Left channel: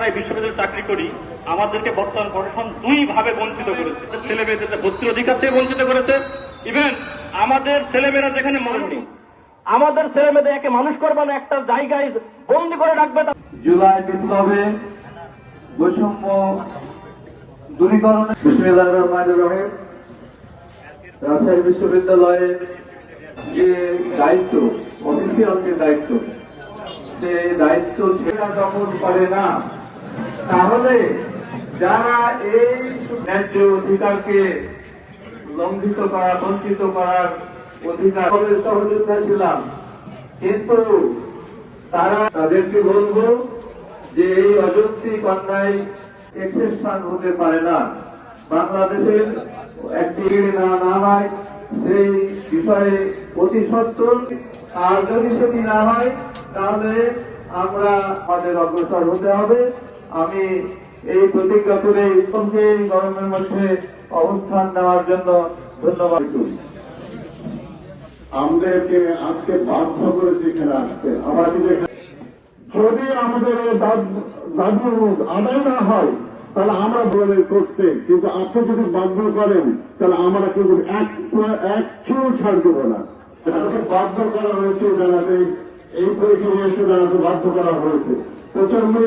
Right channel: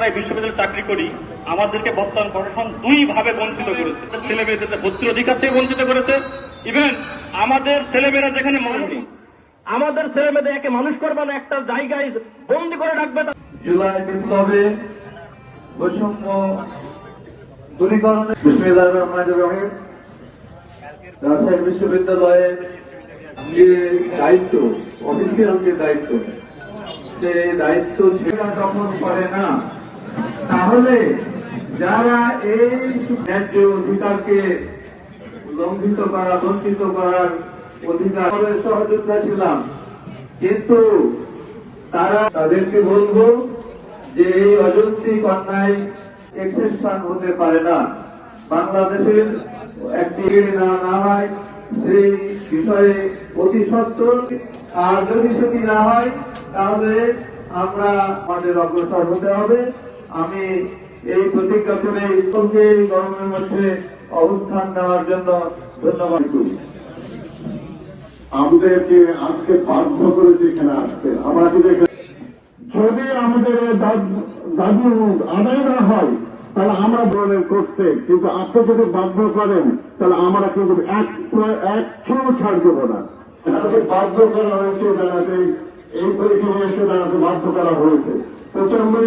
যারা বিশ্ববিদ্যালয়ে চাকরি করি, আমাদেরকে বর্তমান প্রশাসন দুই ভাবে বঞ্চিত করেছে। ছেলে মেয়েদের ভর্তির অধিকার থেকে বঞ্চিত করেছে ইভেন আমাদের ছেলেমেয়েরা যেখানে মানুষ আমাদের ছেলে মেয়েদের একে মানুষ করবে না একটা জায়গায় বন্দি করে রাখবে জুলাই বিপ্লবে বৈষম্য দূরীকরণে রাজশাহী বিশ্ববিদ্যালয়ের যে দায়িত্ব, অফিসিয়াল যে দায়িত্ব যে দায়িত্ব সেটা যখন পারে না তাহলে যারা এই ন্যায্য অধিকারকে লঙ্ঘিত করার, বঞ্চিত করার অধিকার সহযোগিতা ছিলাম। কিন্তু তারা তাদেরকে বলব যে এই অযৌক্তিক অন্যায় এক্সেপশন হতে পারে না। বাংলাদেশের একটি না হয়, সেই বিষয়ে অতি সত্তর আর যদি সেটি না হয়, তাহলে আমরা আমাদের অগ্রসর হতে হবে। আমি এই প্রতিজ্ঞা করে গরমের মধ্যে অবস্থান নেওয়ার জন্য ধন্যবাদ। করি আমাদেরকে আজকে বাধ্য করেছে এখানে আসতে আমরা যদি যদি আমাদের দাবি আদায় না হয় তাহলে আমরা বলে করতে কিন্তু আপনি যদি বাধ্য করেন তাহলে আমরা কিন্তু একটু একটু ছাড় দেবো না। তাদেরকে বাধ্য করা হয়েছে জানাতে এই পরীক্ষা বাধ্য করা হয়েছে। প্রথমে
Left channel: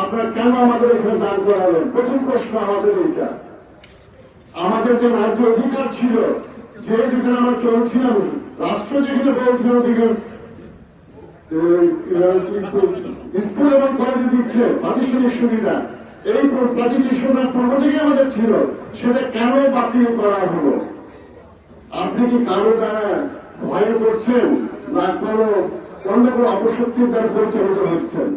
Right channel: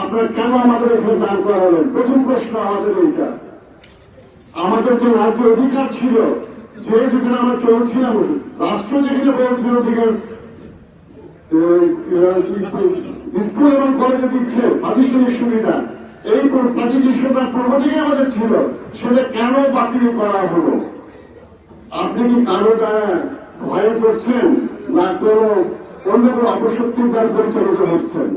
আপনারা কেন আমাদের এখানে দাঁড় করালেন? প্রথম প্রশ্ন আমাদের এইটা। আমাদের যে রাজ্য অধিকার ছিল, যে যেখানে আমরা চলছিলাম, রাষ্ট্র যেখানে বলছিল স্কুল এবং কলেজে দিচ্ছে প্রাতিষ্ঠানিক সুবিধা, এই প্রাতিষ্ঠানিক সুবিধা আমাদের ছিল, সেটা কেন বাতিল করা হলো? আপনি কি কারও দ্বারা ভয় করছেন না কোন অন্য কোনো অপশক্তির চিন্তা পরিচালিত হচ্ছেন